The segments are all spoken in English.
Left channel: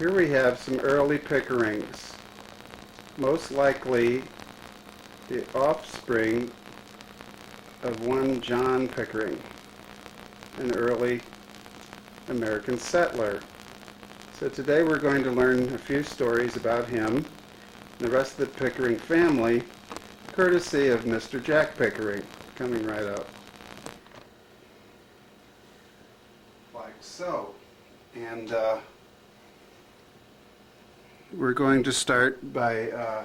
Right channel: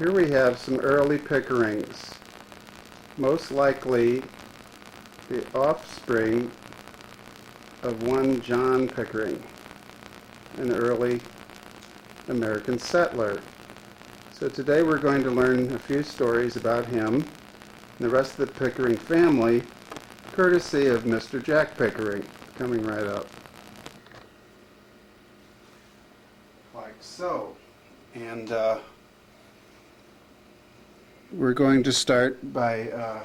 Here we have some early Pickerings, most likely the offspring of one John Pickering, an early American settler. So today we're going to learn a few stories about him and the rest of the Pickering family, courtesy of Mr. Jack Pickering, coming right up. Like so. And we're going to start by a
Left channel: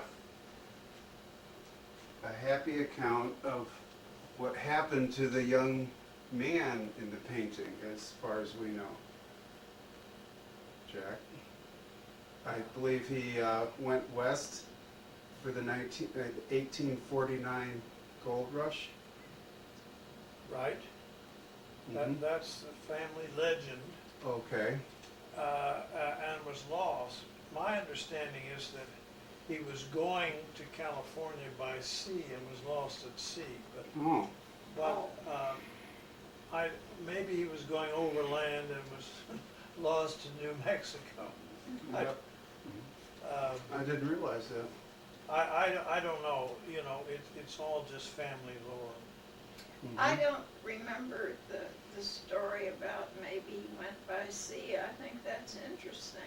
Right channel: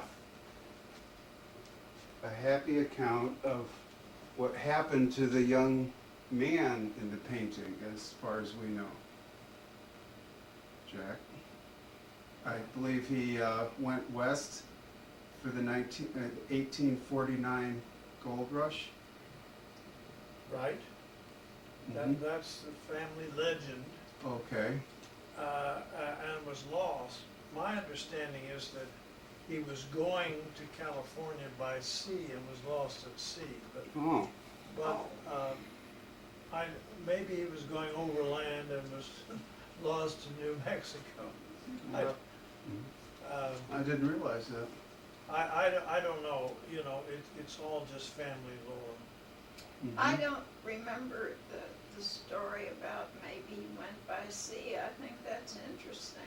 happy account of what happened to the young man in the painting, as far as we know. Jack, I believe he went west for the 1849 gold rush. Right. Mhm. That's the family legend, Okay. and was lost. My understanding is that he was going to California by sea and was lost at sea. Oh. Maybe he was going overland and was lost in New Mexico. Yep. I didn't realize that. I don't know. You know, it's all just family lore. Mhm. I don't remember the story about maybe he went by sea. I think that's interesting.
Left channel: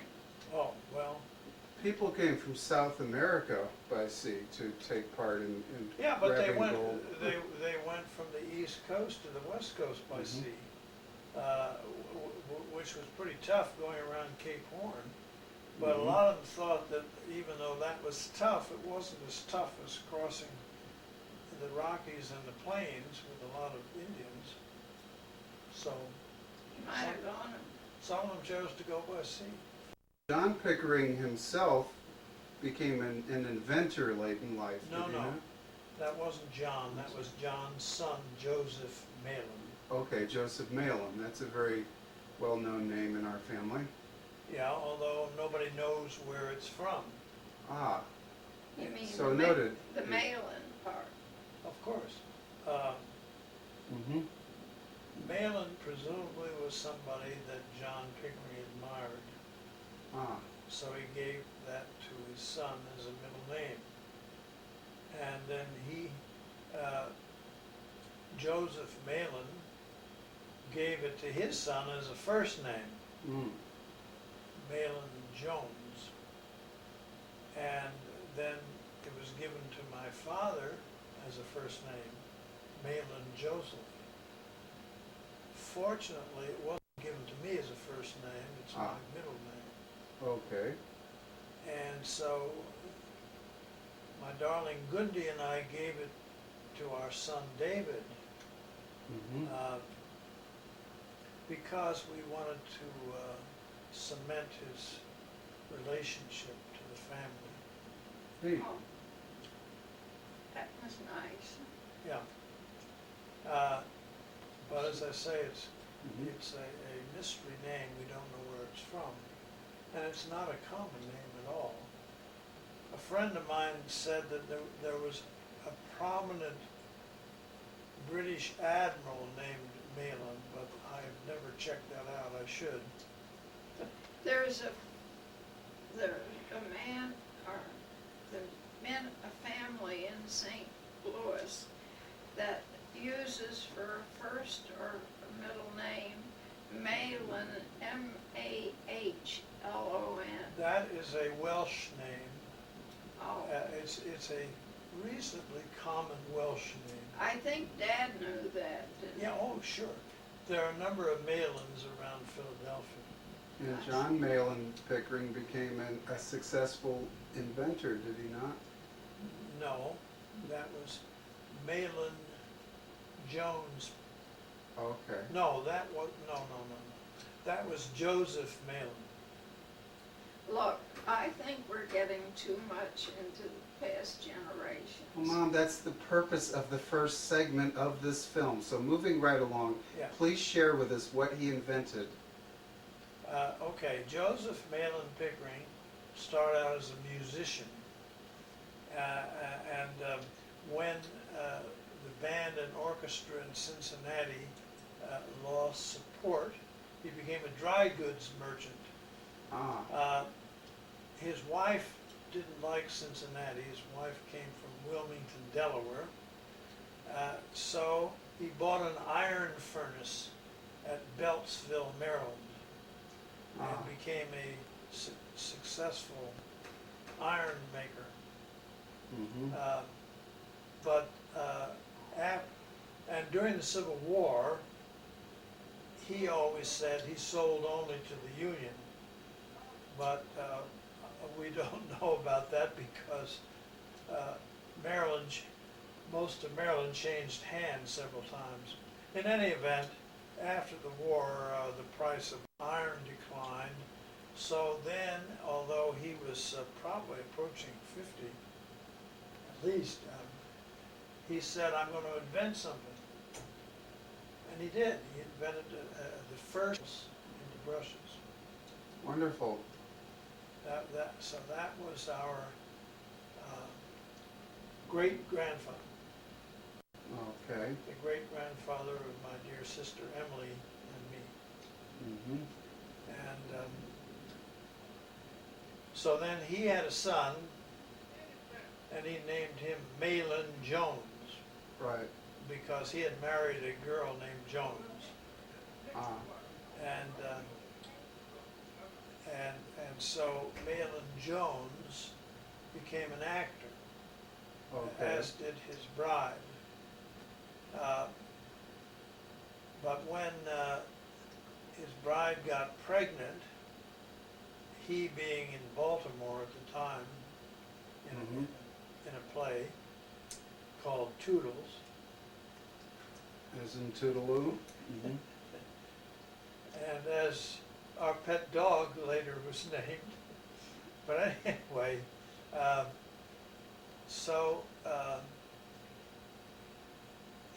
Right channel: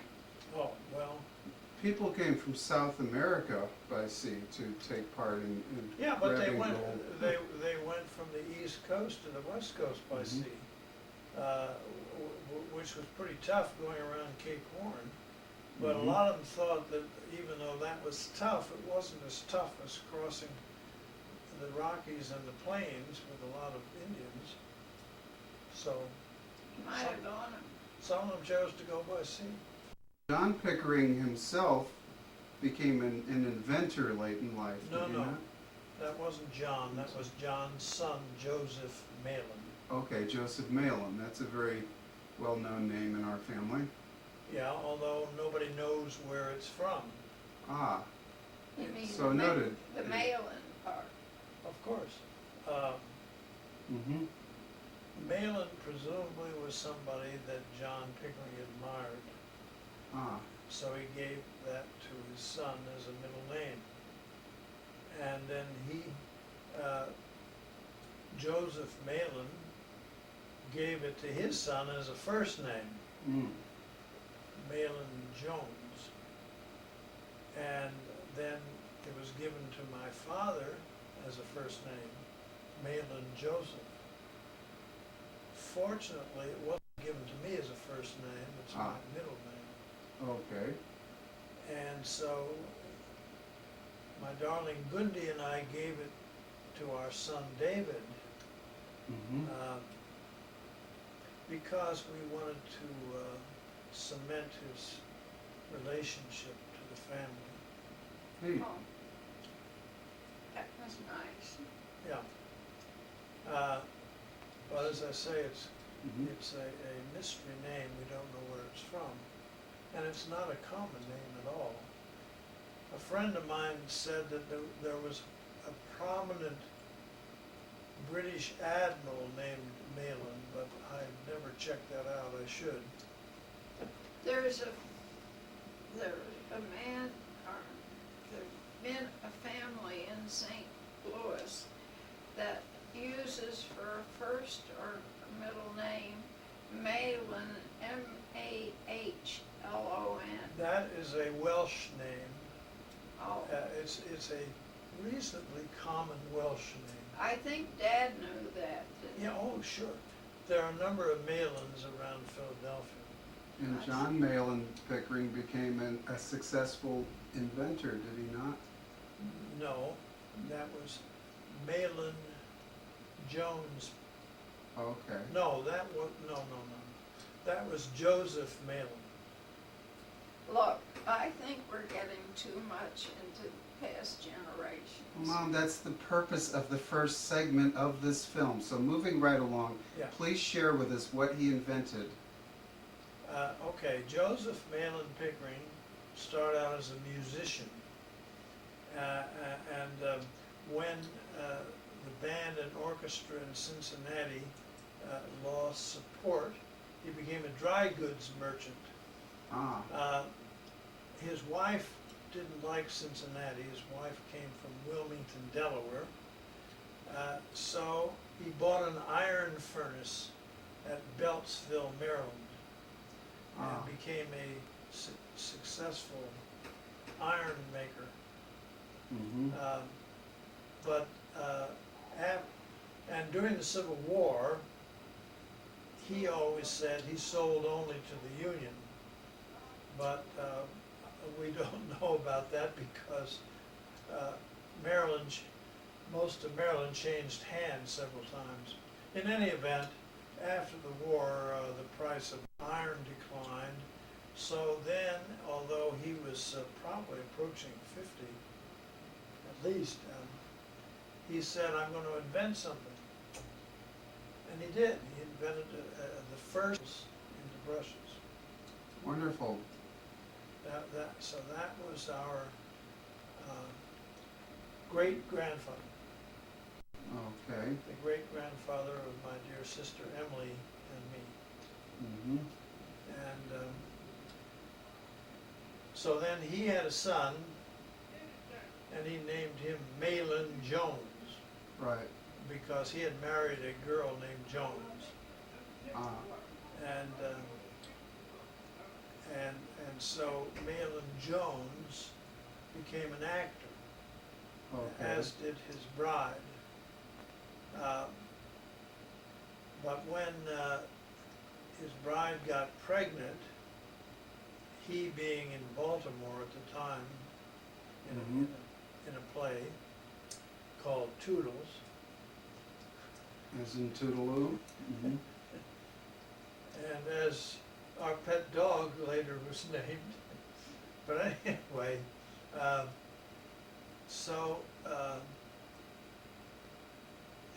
Oh, well. People came from South America by sea to take part in Yeah, but they grabbing went. gold. They went from the East Coast to the West Coast by Mhm. sea, which was pretty tough going around Cape Horn. But Mhm. a lot of them thought that even though that was tough, it wasn't as tough as crossing the Rockies and the plains with a lot of Indians. So He might have gone. some of them chose to go by sea. John Pickering himself became an inventor late in life. No, did he no. not? That wasn't John. That was John's son, Joseph Malin. Okay, Joseph Malin. That's a very well-known name in our family. Yeah, although nobody knows where it's from. Ah, You mean so the noted. the mail-in part? Of course. Mm-hmm. Malin presumably was somebody that John Pickering admired, Ah, so he gave that to his son as a middle name. And then Joseph Malin, gave it to his son as a first name, Malin Jones. And then it was given to my father as a first name, Malin Joseph. Fortunately, it wasn't given to me as a first name, it's my middle name. okay. And so my darling Gundi and I gave it to our son David, Mm-hmm. because we wanted to cement his relationship to the family. Neat. Oh, that was nice. Yeah. But as I say, it's Mhm. a mystery name. We don't know where it's from. And it's not a common name at all. A friend of mine said that there was a prominent British admiral named Malin, but I've never checked that out. I should. There's a man, or there's been a family in St. Louis that uses for a first or middle name Malin, Mahlon. That is a Welsh name. Oh, It's a reasonably common Welsh name. I think Dad knew that. Didn't Yeah, oh, sure. There are a number of Malins around Philadelphia. And John Malin Pickering became a successful inventor, did he not? No, that was Malin Jones. Okay. No, that was, no. That was Joseph Malin. Look, I think we're getting too much into the past generations. Well, Mom, that's the purpose of the first segment of this film. So moving right along, Yeah. please share with us what he invented. Okay, Joseph Malin Pickering started out as a musician. When the band and orchestra in Cincinnati lost support, he became a dry goods merchant. wife didn't like Cincinnati. His wife came from Wilmington, Delaware. So he bought an iron furnace at Beltsville, Maryland, and became a successful iron maker. Mm-hmm. And during the Civil War, he always said he sold only to the Union, but we don't know about that because most of Maryland changed hands several times. In any event, after the war, the price of iron declined. So then, although he was probably approaching 50, at least, he said, I'm going to invent something. And he did. He invented the first into brushes. Wonderful. So that was our great-grandfather. Okay. The great-grandfather of my dear sister Emily and me. Mm-hmm. And so then he had a son, and he named him Malin Jones, Right. because he had married a girl named Jones. Ah. And so Malin Jones became an actor, Okay. as did his bride. But when his bride got pregnant, he being in Baltimore at the time, in a play called Toodles, As in Toodaloo. Mm-hmm. and as our pet dog later was named. But anyway,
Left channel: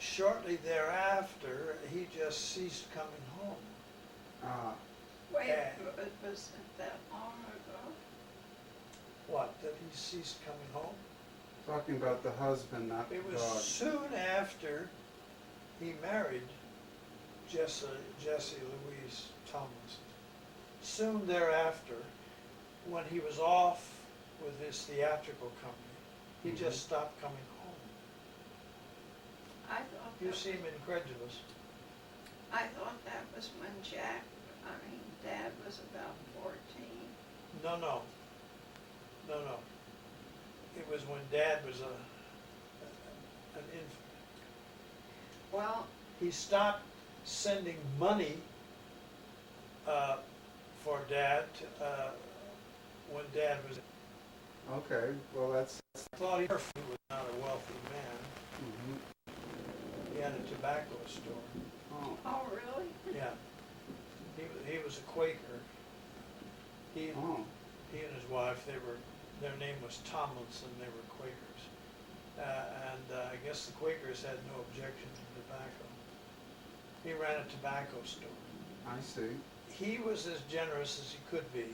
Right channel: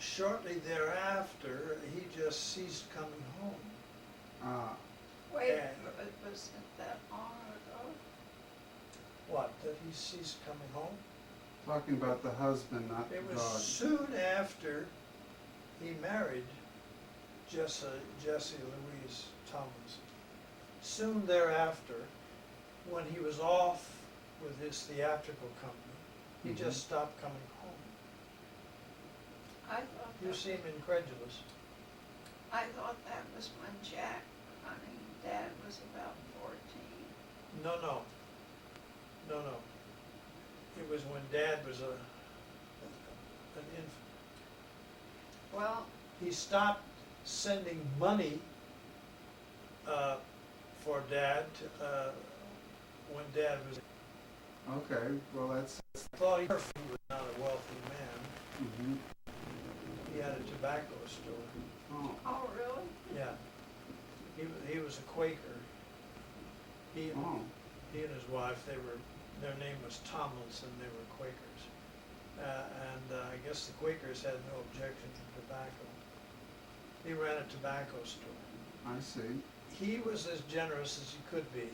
shortly thereafter, he just ceased coming home. Ah. Wait, Yeah. was it that long ago? What, that he ceased coming home? Talking about the husband, not the It was dog. soon after he married Jessie Louise Tomlinson. Soon thereafter, when he was off with his theatrical company, he just stopped coming home. I thought You that, seem incredulous. I thought that was when Dad was about 14. No. It was when Dad was an infant. Well, He stopped sending money for Dad when Dad was. Okay. Well, that's. I thought he was not a wealthy man. Mm-hmm. He had a tobacco store. oh really? Yeah. He was a Quaker. He and his wife, their name was Tomlinson. They were Quakers, and I guess the Quakers had no objection to tobacco. He ran a tobacco store. I see. He was as generous as he could be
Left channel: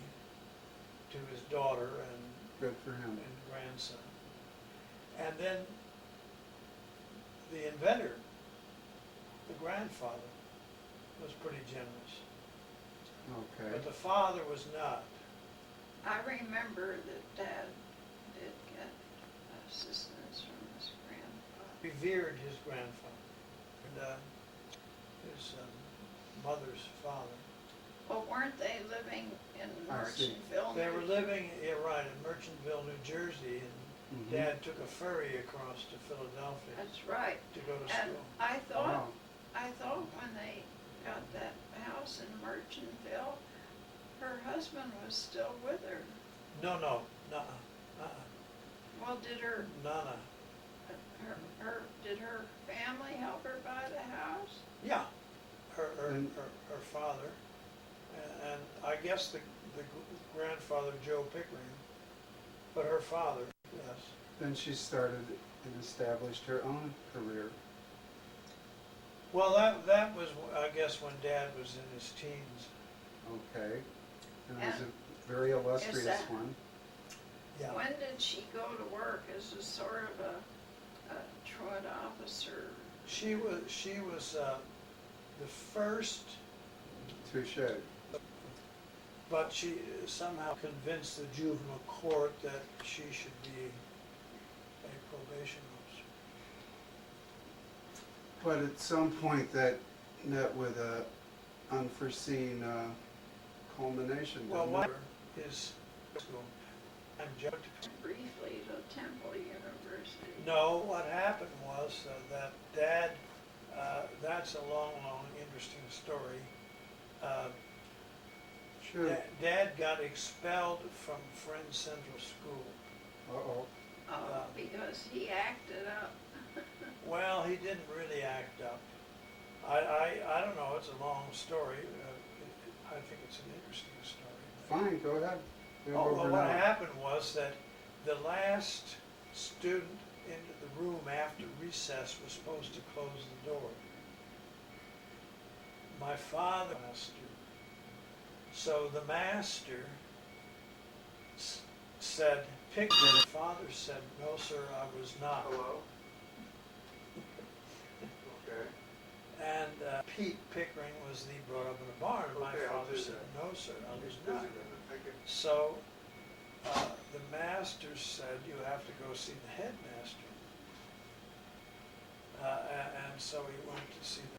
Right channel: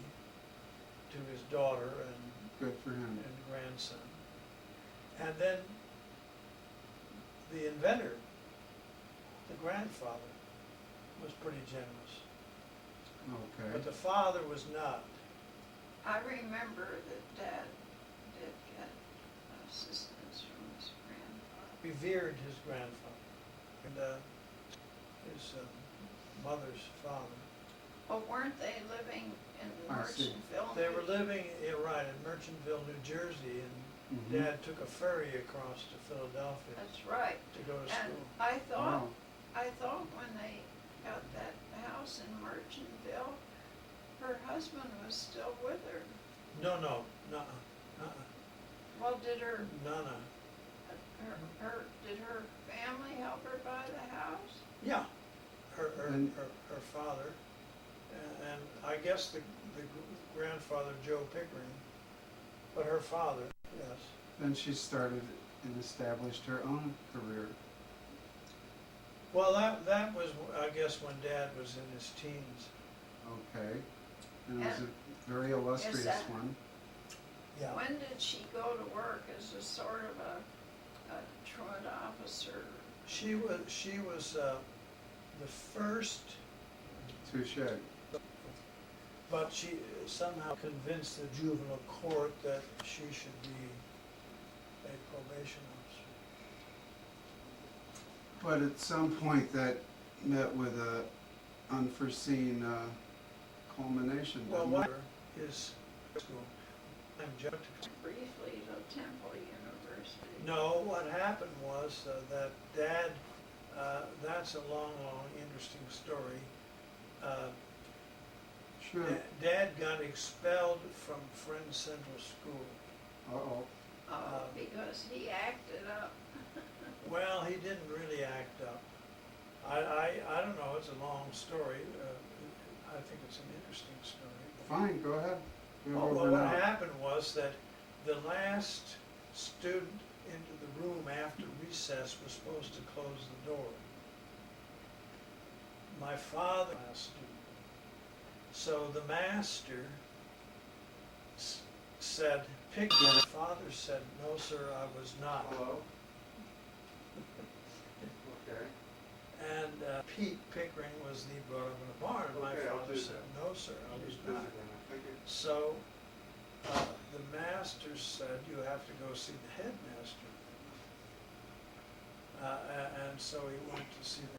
to his daughter and Good for him. grandson. And then the inventor, the grandfather, was pretty generous. Okay. But the father was not. I remember that Dad did get assistance from his grandfather. Revered his grandfather and his mother's father. Well, weren't they living in I see. Merchantville? They were living, in Merchantville, New Jersey, and Mhm. Dad took a ferry across to Philadelphia That's right. to go to And school. I thought, Wow. when they got that house in Merchantville, her husband was still with her. No. Well, did her family help her buy the house? Yeah, her father, and I guess the grandfather, Joe Pickering, but her father, yes. Then she started and established her own career. Well, that was, I guess, when Dad was in his teens. Okay. And it was And a very illustrious that- one. Yeah. When did she go to work as a sort of a truant officer? She was the first Touche. But she somehow convinced the juvenile court that she should be a probation officer. But at some point that met with a unforeseen culmination, Well, didn't it? what is school? And Briefly to Temple University. no, what happened was that Dad, that's a long, interesting story. Sure. Dad got expelled from Friends Central School. Uh-oh. Because he acted up. Well, he didn't really act up. I don't know, it's a long story. I think it's an interesting story. Fine, go ahead. You're Well, over what now. happened was that the last student into the room after recess was supposed to close the door. My father was a student. So the master said, pick it. My father said, no, sir, I was not. Hello? Okay. And Pete Pickering was the brought up in a barn. My Okay, I'll father do said, that. no, sir, I I'm was just not. busy then. Thank you. So the master said, you have to go see the headmaster. And so he went to see the